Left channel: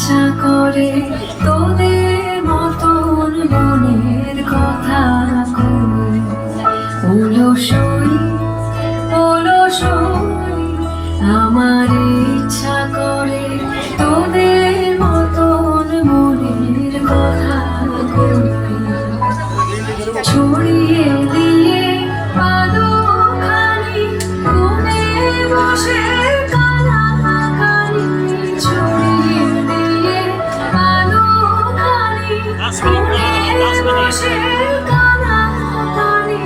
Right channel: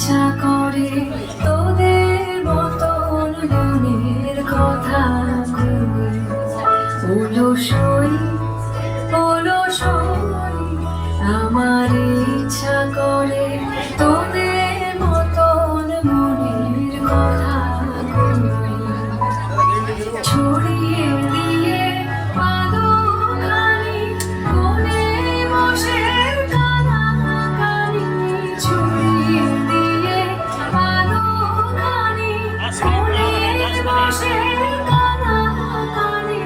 ইচ্ছা করে তোদের মতন মনের কথা কই। অলসই আমার ইচ্ছা করে তোদের মতন মনের কথা কই। ছড়িয়ে দিয়ে পাদখানি কোণে বসে কানাকানি। ছড়িয়ে দিয়ে পাদখানি কোণে বসে কানাকানি।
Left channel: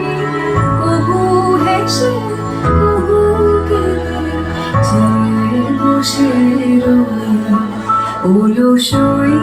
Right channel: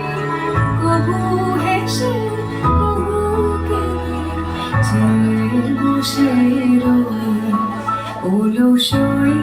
কবু হেসে কবু কেঁদে চেয়ে বসে রই। অলসই